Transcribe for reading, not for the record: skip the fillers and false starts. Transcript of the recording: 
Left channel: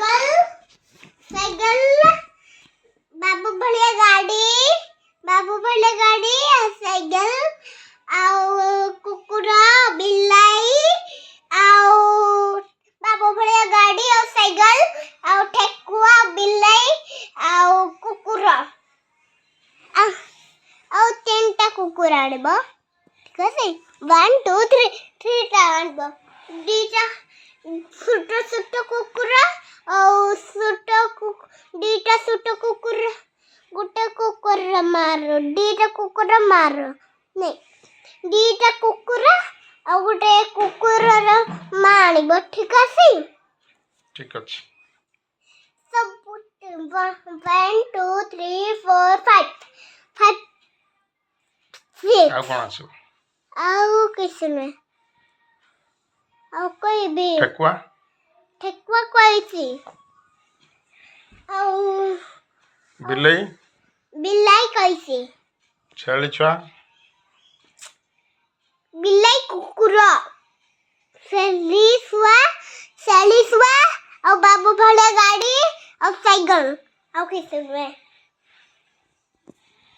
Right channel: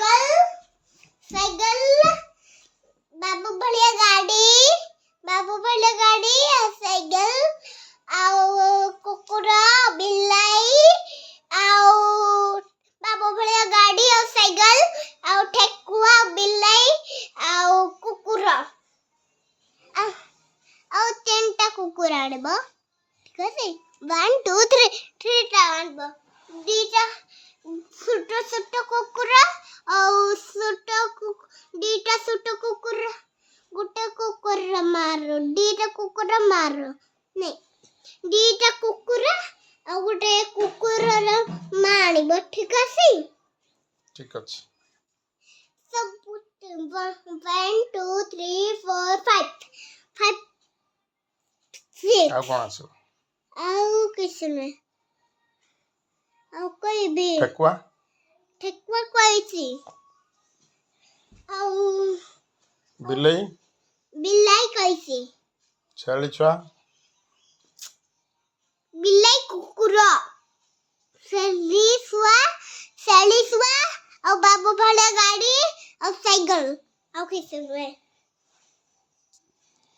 cycle cycle बाबू भलिया गाड़ी cycle आउ कुकुरा बिलाई आउ बाबू भलिया गाड़ी आउ साइकिल आउ ठेकुआ बिलाई आउ कुकुरा आउ तीनटा कुकुरा आनबो ठीक है 1 2 3 टा आनबो दीटा छोटो कुकुरा आउ दीटा छोटो कुकुरा गोटे कुकुरा मारो दीटा कुकुरा मारो नहीं दीटा कुकुरा आउ गोटे कुकुरा मानिबो ठीक है सब 1 2 3 4 5 ଆଉ କଣ ଆସିବ आउ किसने आउ कोई भी ठेकुआ कोई सी आउ बिलाई कैसी छेली छुआ बिलाई कुकुरा सेलिसुआ और बाबू भले गाड़ी और साइकिल और किसने